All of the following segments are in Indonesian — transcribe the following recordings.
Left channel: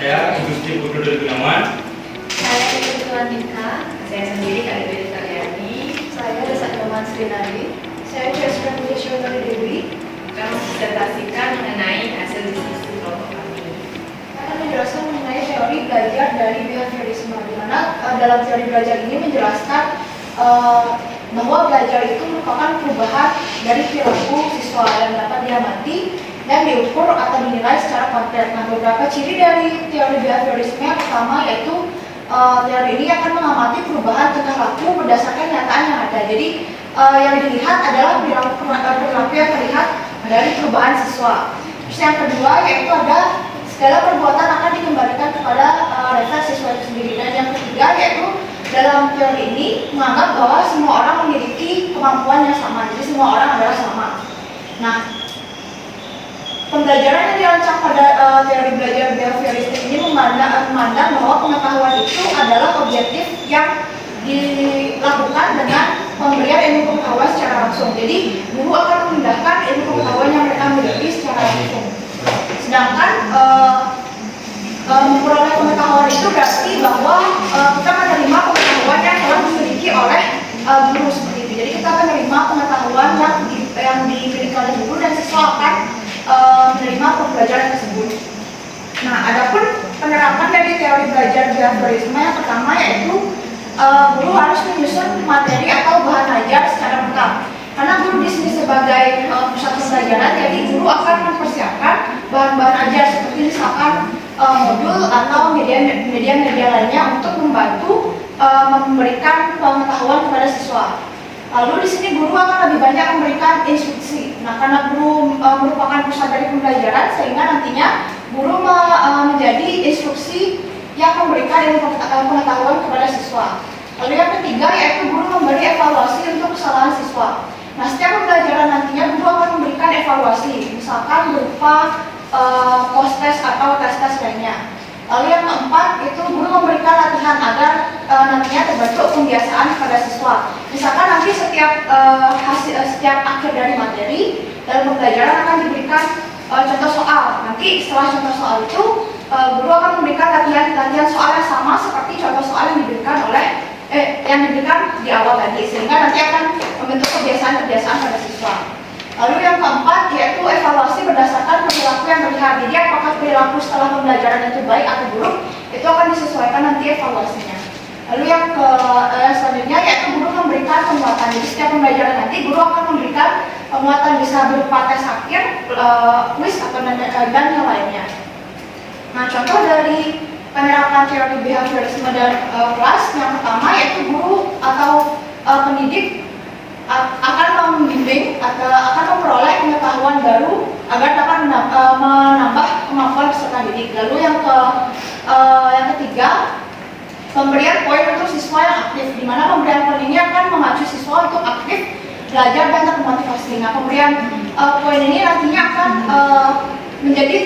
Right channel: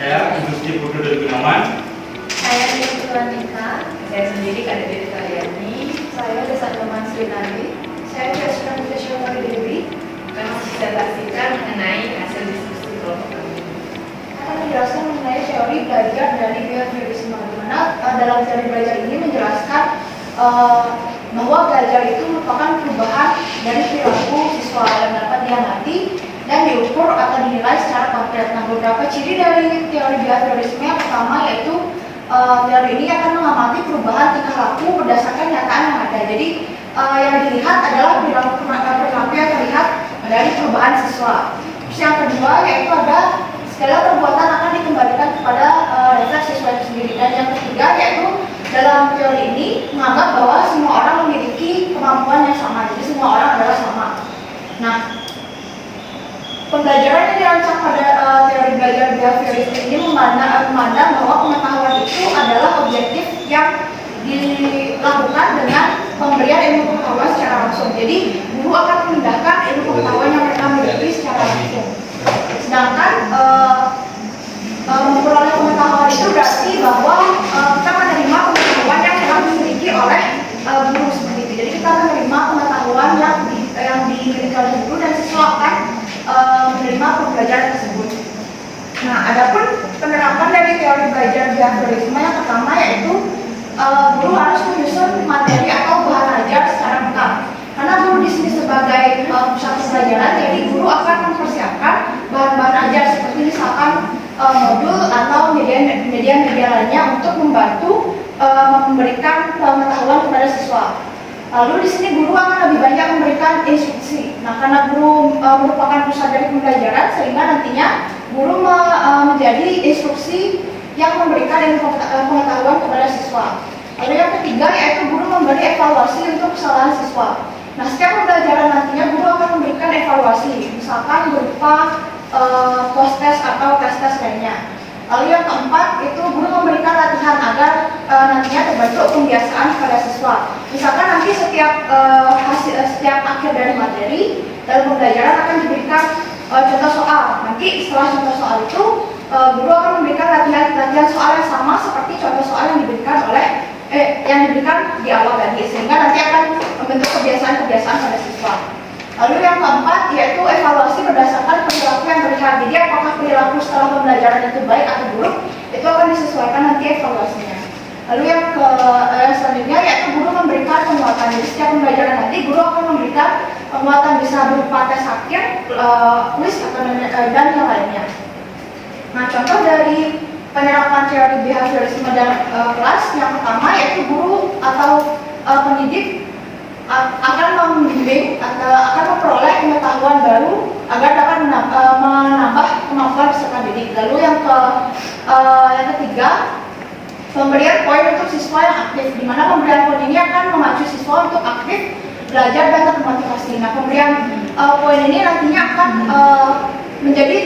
Saya Gusti Putu Gunawan. Saya Ketua Nika. Saya sendiri Kadek Karyani. Saya Desa Nyoman Srinari. Saya Jessica Pujasyona Dewi. Akan mendisertasikan mengenai hasil diskusi kelompok kami. Akan menjelaskan mengenai teori belajar dari behaviorisme, di mana dalam teori belajar ini menjelaskan bahwa belajar itu merupakan perubahan dari perilaku siswa yang dapat diamati dan diukur atau dinilai secara konkret. Nah, beberapa ciri dari teori behaviorisme yang pertama yaitu teori ini akan mengamati perubahan tingkah laku berdasarkan nyataan yang ada. Jadi yang dilihat adalah perilaku yang terlihat dari perubahan siswa. Terus yang kedua yaitu ada segala perbuatan akan dikembalikan kepada refleks siswa itu sendiri. Dan yang ketiga yaitu dalam teori ini menganggap bahwa semua orang memiliki kemampuan yang sama. Jadi semua orang adalah sama. Nah, pembelajaran yang dirancang pada teori belajar behaviorisme ini memandang bahwa pengetahuan itu adalah objektif yang dilakukan dengan pemberian ilmu pengetahuan secara langsung. Jadi guru akan memindahkan ilmu pengetahuan yang mereka miliki secara langsung. Sedangkan memperoleh pengetahuan itu berarti bahwa kita menerima pengetahuan yang telah dimiliki oleh guru seperti itu. Jadi kita menerima pengetahuan yang dimiliki oleh guru dan siswa akan menerima pembelajaran tersebut. Nah, adapun penerapan dari teori belajar behaviorisme yang pertama yaitu guru harus menyusun materi atau bahan ajar secara lengkap. Karena guru di sini sebagai pusat pembelajaran, jadi guru akan mempersiapkan bahan-bahan ajar seperti misalkan modul atau media lainnya untuk membantu memberikan pengetahuan kepada siswa. Lalu di sini guru akan lebih banyak memberikan instruksi. Nah, karena guru merupakan pusat dari pembelajaran, sehingga nantinya guru menjadi instruksi yang memberikan ilmu pengetahuan kepada siswa. Lalu yang ketiga yaitu guru memberi evaluasi untuk kesalahan siswa. Nah, setiap pembelajaran nantinya guru akan memberikan evaluasi, misalkan berupa post-test atau tes-tes lainnya. Lalu yang keempat itu guru memberikan latihan agar nantinya terbentuk kebiasaan pada siswa. Misalkan nanti setiap akhir dari materi dalam pembelajaran akan diberikan contoh soal. Nanti setelah contoh soal itu guru akan memberikan latihan soal yang sama seperti contoh soal yang diberikan di awal tadi, sehingga nanti akan membentuk kebiasaan-kebiasaan pada siswa. Lalu yang keempat yaitu evaluasi berdasarkan perilaku yang terlihat. Jadi apakah perilaku setelah pembelajaran itu baik atau buruk, itu akan disesuaikan nanti evaluasinya. Lalu yang selanjutnya yaitu guru memberikan penguatan. Jadi setiap pembelajaran nanti guru akan memberikan penguatan, bisa berupa tes akhir, kuis atau dan yang lainnya. Nah, contoh dari penerapan teori behaviorisme dalam kelas yang pertama yaitu guru atau pendidik akan membimbing atau akan memperoleh pengetahuan baru agar dapat menambah kemampuan peserta didik. Lalu yang ketiga, pemberian poin untuk siswa yang aktif, di mana pemberian poin ini akan memacu siswa untuk aktif belajar dan termotivasi. Nah, pemberian poin ini nantinya akan menjadi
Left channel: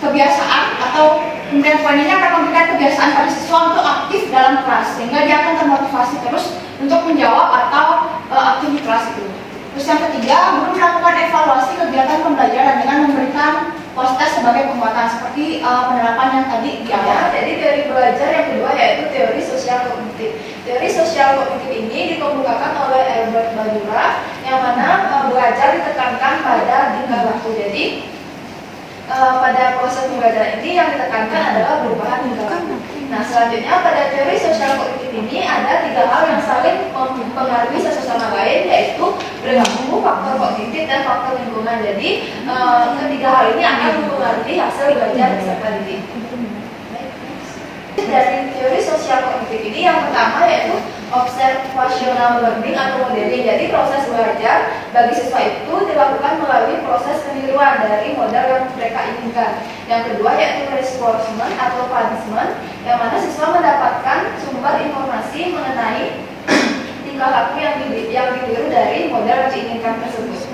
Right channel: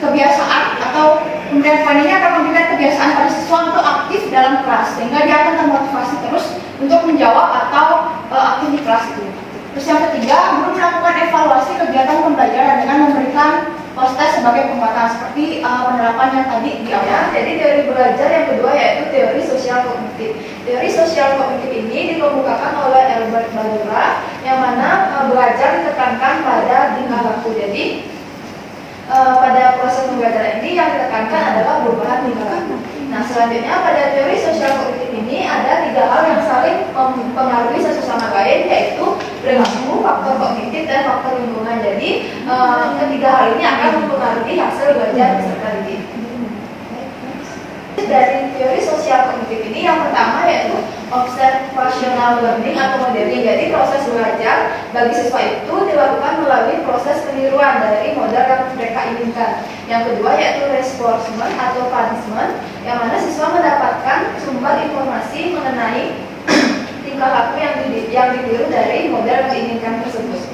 kebiasaan, atau pemberian poin ini akan memberikan kebiasaan pada siswa untuk aktif dalam kelas, sehingga dia akan termotivasi terus untuk menjawab atau aktif di kelas itu. Terus yang ketiga, guru melakukan evaluasi kegiatan pembelajaran dengan memberikan post-test sebagai penguatan seperti penerapan yang tadi di awal. Jadi teori belajar yang kedua yaitu teori sosial kognitif. Teori sosial kognitif ini dikemukakan oleh Albert Bandura, yang mana belajar ditekankan pada tingkah laku. Jadi pada proses pembelajaran ini yang ditekankan adalah perubahan tingkah laku. Nah, selanjutnya pada teori sosial kognitif ini ada tiga hal yang saling mempengaruhi satu sama lain, yaitu perilaku, faktor kognitif, dan faktor lingkungan. Jadi ketiga hal ini akan mempengaruhi hasil belajar peserta didik. Dari teori sosial kognitif ini yang pertama yaitu observational learning atau modeling. Jadi proses belajar bagi siswa itu dilakukan melalui proses peniruan dari model yang mereka inginkan. Yang kedua yaitu reinforcement atau punishment, yang mana siswa mendapatkan sumber informasi mengenai tingkah laku yang ditiru dari model yang diinginkan tersebut.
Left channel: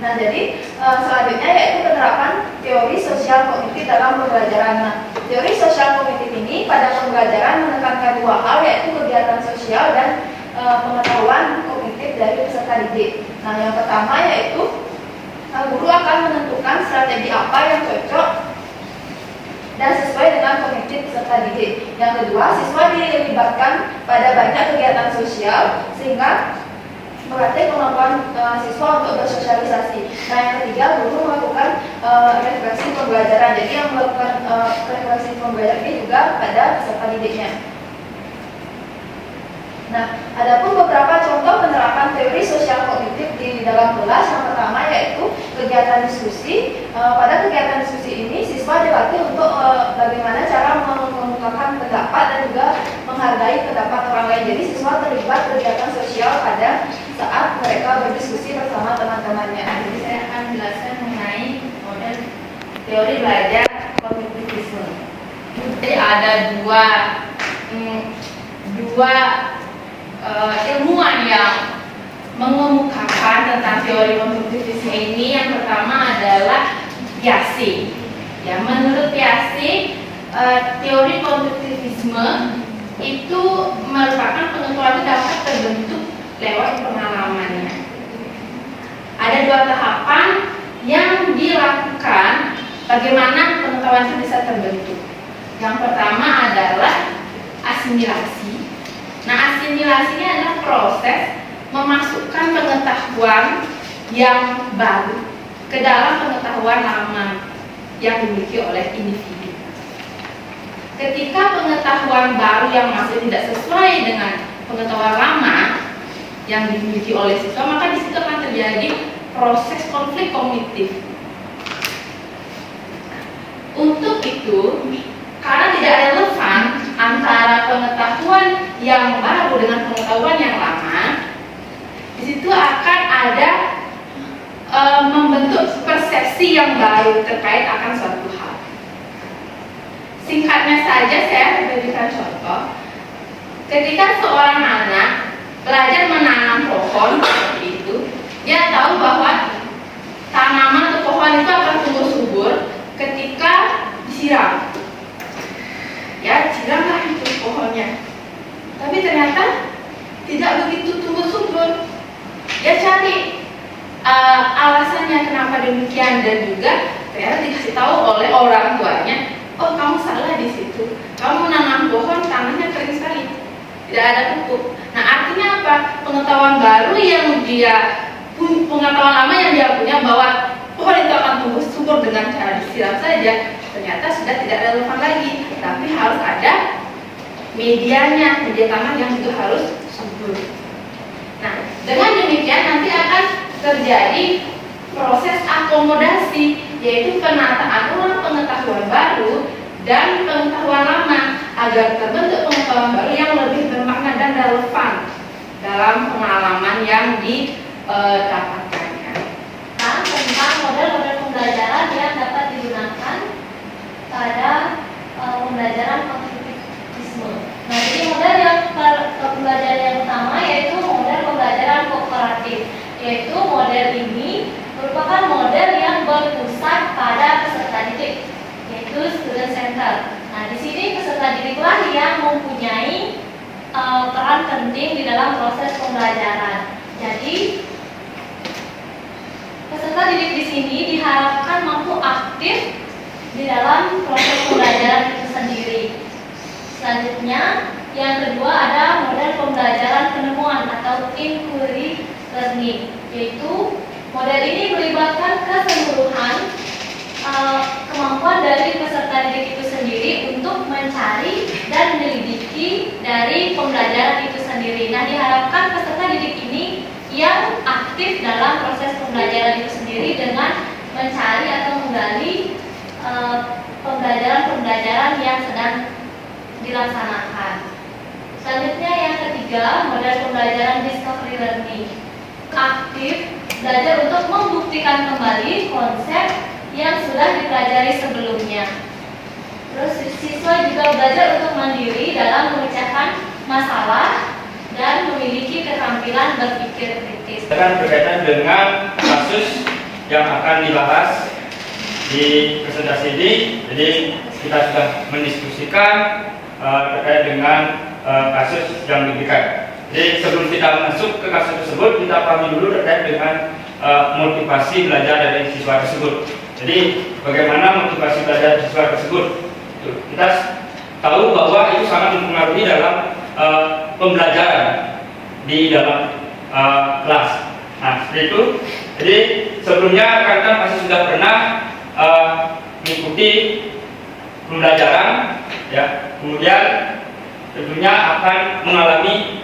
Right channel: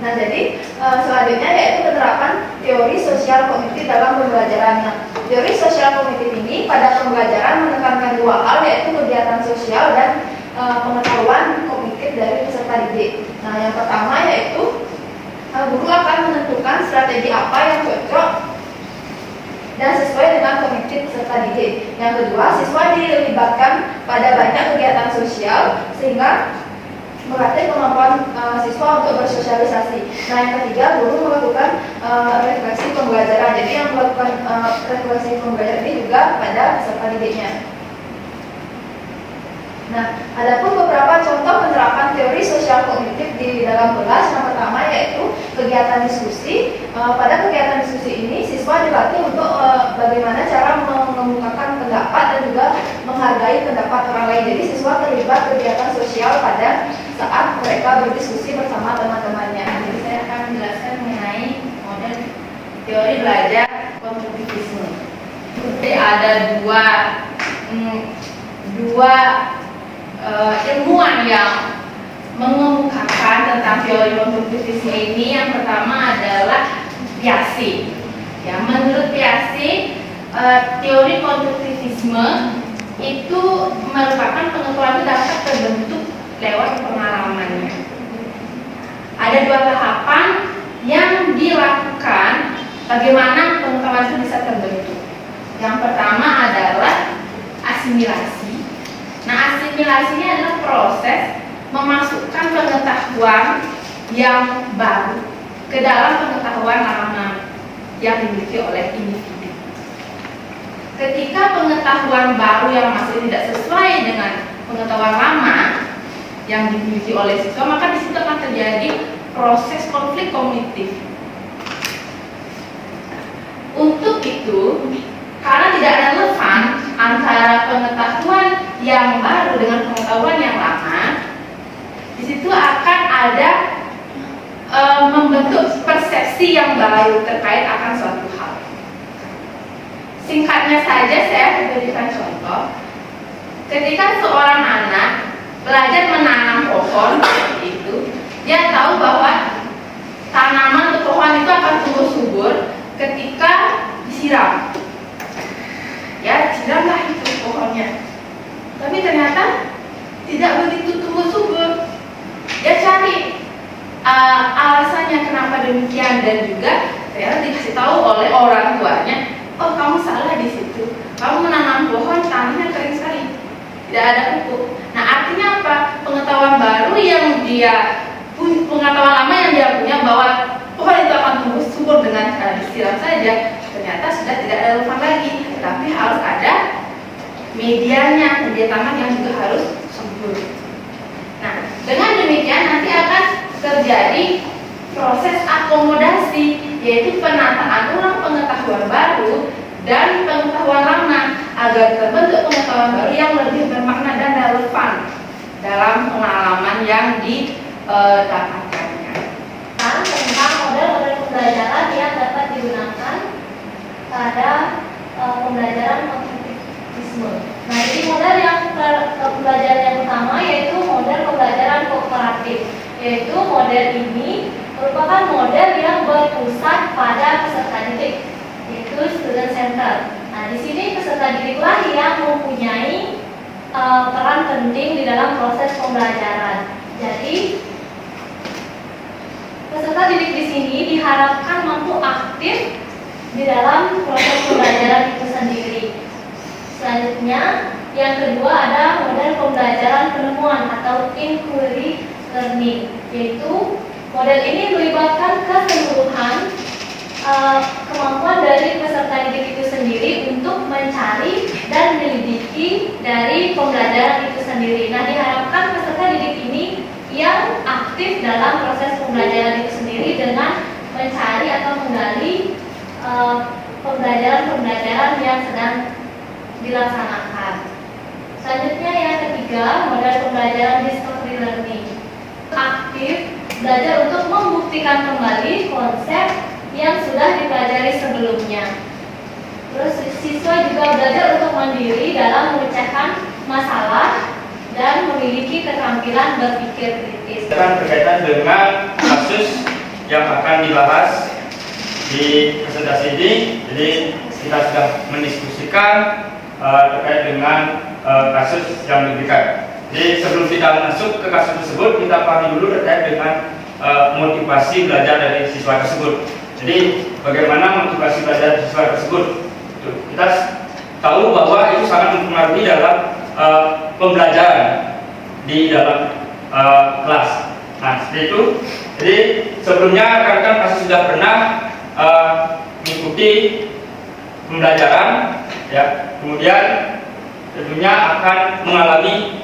Nah, jadi selanjutnya yaitu penerapan teori sosial kognitif dalam pembelajaran. Nah, teori sosial kognitif ini pada pembelajaran menekankan dua hal, yaitu kegiatan sosial dan pengetahuan kognitif dari peserta didik. Nah, yang pertama yaitu guru akan menentukan strategi apa yang cocok dan sesuai dengan kognitif peserta didik. Yang kedua, siswa dilibatkan pada banyak kegiatan sosial sehingga melatih kemampuan siswa untuk bersosialisasi. Nah, yang ketiga, guru melakukan refleksi pembelajaran. Jadi yang melakukan refleksi pembelajaran ini juga pada peserta didiknya. Nah, adapun beberapa contoh penerapan teori sosial kognitif di dalam kelas. Yang pertama yaitu kegiatan diskusi. Pada kegiatan diskusi ini siswa dilatih untuk bagaimana cara mengemukakan pendapat dan juga menghargai pendapat orang lain. Jadi siswa terlibat kegiatan sosial pada saat mereka berdiskusi bersama teman-temannya. Jadi saya akan menjelaskan mengenai model teori belajar kognitivisme. Jadi ada dua ilmuwan yang mengemukakan tentang teori kognitivisme ini. Yang pertama adalah Piaget. Ya, menurut Piaget, teori kognitivisme itu merupakan pengetahuan yang dapat terbentuk lewat pengalamannya. Ada dua tahapan yang dilakukan bagaimana pengetahuan itu bisa terbentuk. Yang pertama adalah asimilasi. Nah, asimilasi ini adalah proses memasukkan pengetahuan yang baru ke dalam pengetahuan lama yang dimiliki oleh individu. Ketika pengetahuan baru yang masuk tidak sesuai dengan pengetahuan lama yang dimiliki oleh siswa, maka di situ akan terjadi proses konflik kognitif. Untuk itu, karena tidak relevan antara pengetahuan yang baru dengan pengetahuan yang lama, di situ akan ada membentuk persepsi yang baru terkait akan suatu hal. Singkatnya saja saya berikan contoh. Ketika seorang anak belajar menanam pohon seperti itu, dia tahu bahwa tanaman atau pohon itu akan tumbuh subur ketika disiram. Ya, siramlah itu pohonnya. Tapi ternyata tidak begitu tumbuh subur. Dia cari alasannya kenapa demikian, dan juga ternyata dikasih tahu oleh orang tuanya, oh kamu salah di situ. Kamu menanam pohon tanahnya kering sekali, tidak ada pupuk. Nah, artinya apa? Pengetahuan baru yang pengetahuan lama yang dia punya bahwa pohon itu akan tumbuh subur dengan cara disiram saja, ternyata sudah tidak relevan lagi. Tapi harus ada medianya, media tanah yang juga harus subur. Nah, dengan demikian nanti akan terjadi proses akomodasi, yaitu penataan ulang pengetahuan baru dan pengetahuan lama agar terbentuk pengetahuan baru yang lebih bermakna dan relevan dalam pengalaman yang didapatkannya. Tentang model-model pembelajaran yang dapat digunakan pada pembelajaran kognitivisme. Nah, jadi model pembelajaran yang utama yaitu model pembelajaran kooperatif, yaitu model ini merupakan model yang berpusat pada peserta didik, yaitu student center. Nah, di sini peserta didiklah yang mempunyai peran penting di dalam proses pembelajaran. Jadi peserta didik di sini diharapkan mampu aktif di dalam proses pembelajaran itu sendiri. Selanjutnya, yang kedua ada model pembelajaran penemuan atau inquiry learning, yaitu model ini melibatkan keseluruhan kemampuan dari peserta didik itu sendiri untuk mencari dan menyelidiki dari pembelajaran itu sendiri. Nah, diharapkan peserta didik ini yang aktif dalam proses pembelajaran itu sendiri dengan mencari atau menggali pembelajaran-pembelajaran yang sedang dilaksanakan. Selanjutnya yang ketiga, model pembelajaran discovery learning. Aktif belajar untuk membuktikan kembali konsep yang sudah dipelajari sebelumnya. Terus siswa juga belajar untuk mandiri dalam memecahkan masalah dan memiliki keterampilan berpikir kritis. Akan berkaitan dengan kasus yang akan dibahas di presentasi ini. Jadi kita sudah mendiskusikan terkait dengan kasus yang diberikan. Jadi sebelum kita masuk ke kasus tersebut, kita pahami dulu terkait dengan motivasi belajar dari siswa tersebut. Jadi bagaimana motivasi belajar siswa tersebut? Kita tahu bahwa itu sangat mempengaruhi dalam pembelajaran di dalam kelas. Nah, seperti itu. Jadi sebelumnya rekan-rekan pasti sudah pernah mengikuti pembelajaran, ya. Kemudian tentunya akan mengalami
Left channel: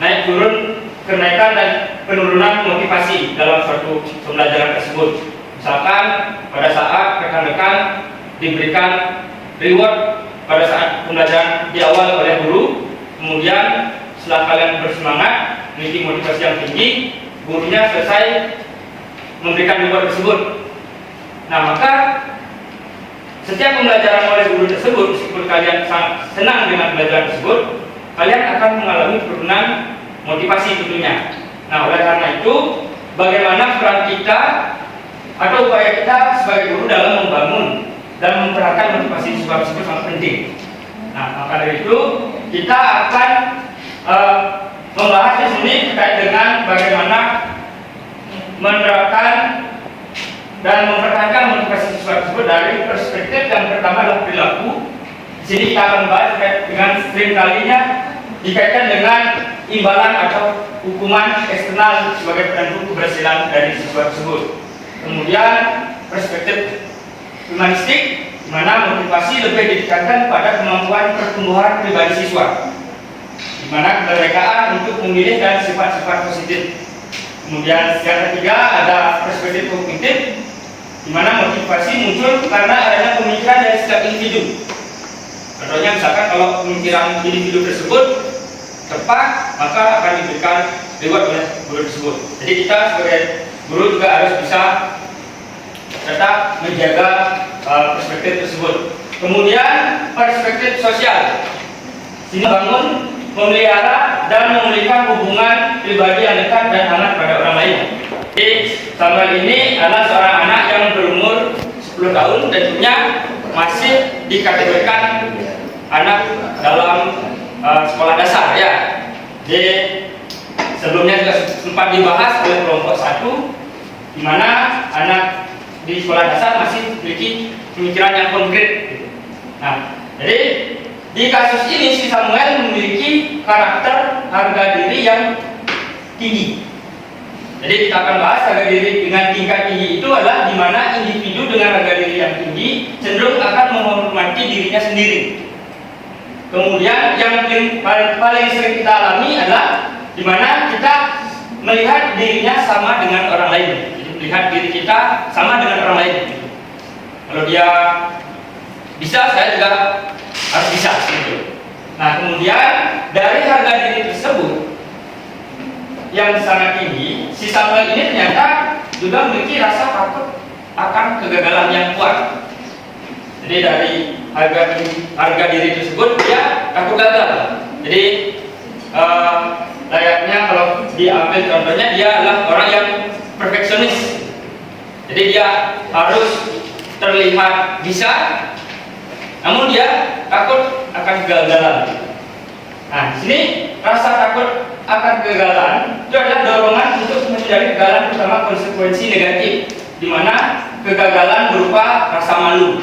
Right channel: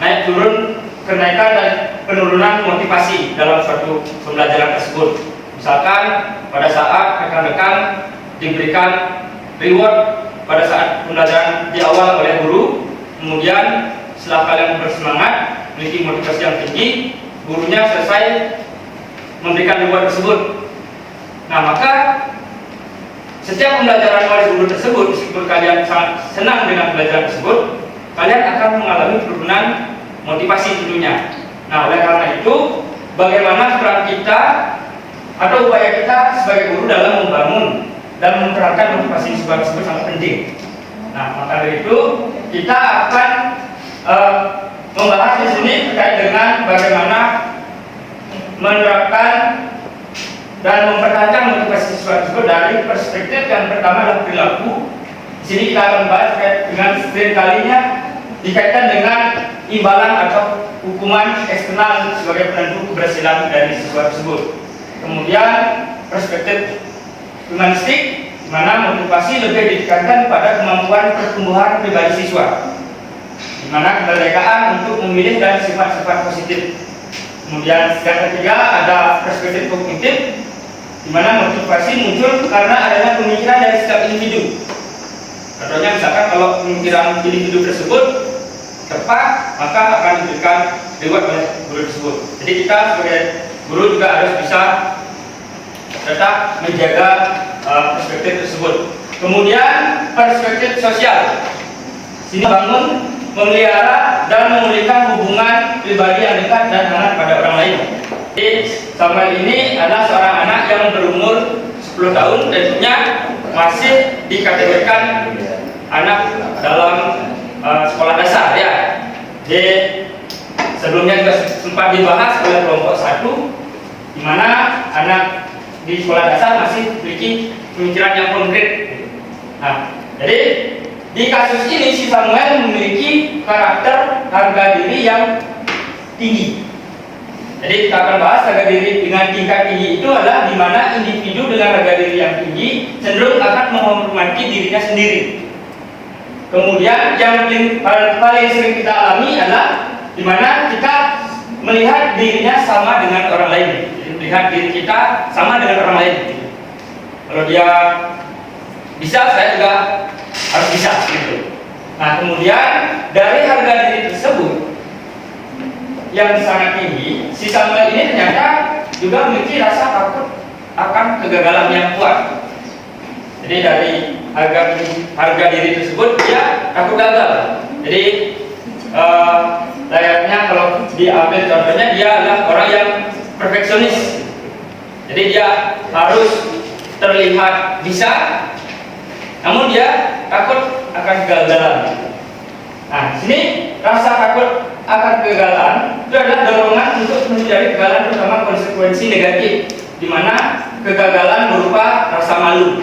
naik turun, kenaikan dan penurunan motivasi dalam suatu pembelajaran tersebut. Misalkan pada saat rekan-rekan diberikan reward pada saat pembelajaran di awal oleh guru, kemudian setelah kalian bersemangat, memiliki motivasi yang tinggi, gurunya selesai memberikan reward tersebut. Nah, maka setiap pembelajaran oleh guru tersebut, meskipun kalian sangat senang dengan pembelajaran tersebut, kalian akan mengalami penurunan motivasi tentunya. Nah, oleh karena itu, bagaimana peran kita atau upaya kita sebagai guru dalam membangun dan memperankan motivasi siswa tersebut sangat penting. Nah, maka dari itu kita akan membahas di sini terkait dengan bagaimana menerapkan dan mempertahankan motivasi siswa tersebut dari perspektif yang pertama adalah perilaku. Di sini kita akan bahas terkait dengan sering kalinya dikaitkan dengan imbalan atau hukuman eksternal sebagai penentu keberhasilan dari siswa tersebut. Kemudian perspektif humanistik, di mana motivasi lebih ditekankan pada kemampuan pertumbuhan pribadi siswa, di mana kemerdekaan untuk memilih dan sifat-sifat positif. Kemudian yang ketiga ada perspektif kognitif, di mana motivasi muncul karena adanya pemikiran dari setiap individu. Contohnya misalkan kalau pemikiran individu tersebut tepat, maka akan diberikan reward oleh guru tersebut. Jadi kita sebagai guru juga harus bisa tetap menjaga perspektif tersebut. Kemudian perspektif sosial, sini bangun, memelihara dan memulihkan hubungan pribadi yang dekat dan hangat pada orang lain. Jadi Samuel ini adalah seorang anak yang berumur 10 tahun, tentunya masih dikategorikan anak dalam sekolah dasar, ya. Jadi sebelumnya juga sempat dibahas oleh kelompok 1, di mana anak di sekolah dasar masih memiliki pemikiran yang konkret. Nah, jadi di kasus ini si Samuel memiliki karakter harga diri yang tinggi. Jadi kita akan bahas harga diri dengan tingkat tinggi itu adalah di mana individu dengan harga diri yang tinggi cenderung akan menghormati dirinya sendiri. Kemudian yang paling sering kita alami adalah di mana kita melihat dirinya sama dengan orang lain. Jadi melihat diri kita sama dengan orang lain. Kalau dia bisa, saya juga harus bisa, gitu. Nah, kemudian dari harga diri tersebut yang sangat tinggi, si Samuel ini ternyata juga memiliki rasa takut akan kegagalan yang kuat. Jadi dari harga diri tersebut dia takut gagal. Jadi layaknya kalau diambil contohnya, dia adalah orang yang perfeksionis. Jadi dia harus terlihat bisa, namun dia takut akan kegagalan. Nah, di sini rasa takut akan kegagalan itu adalah dorongan untuk menghindari kegagalan, terutama konsekuensi negatif, di mana kegagalan berupa rasa malu.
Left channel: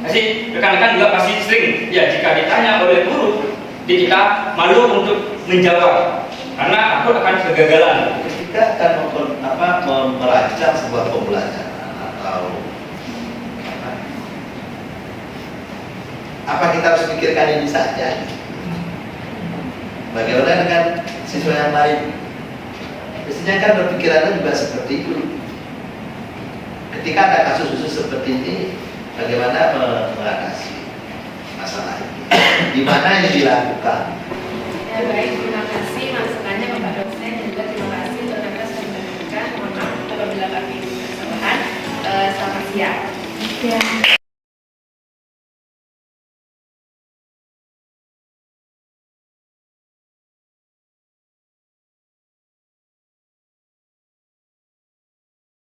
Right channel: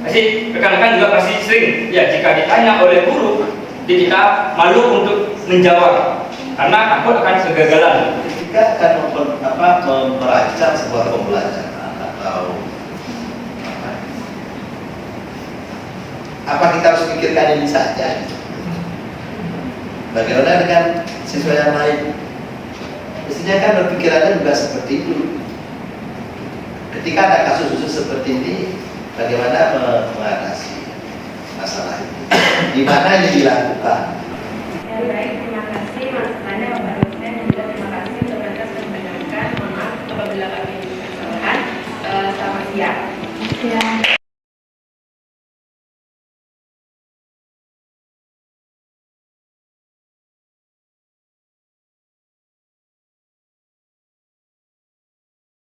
Jadi rekan-rekan juga pasti sering, ya, jika ditanya oleh guru, kita malu untuk menjawab karena takut akan kegagalan. Ketika akan merancang sebuah pembelajaran atau apa kita harus pikirkan ini saja? Bagaimana dengan siswa yang lain? Mestinya kan berpikirannya juga seperti itu. Ketika ada kasus-kasus seperti ini, bagaimana mengatasi masalah ini? Di mana ini dilakukan? Ya, baik, terima kasih masukannya Bapak dosen, dan juga terima kasih untuk Anda sudah mendengarkan. Mohon maaf apabila kami kesalahan. Selamat siang.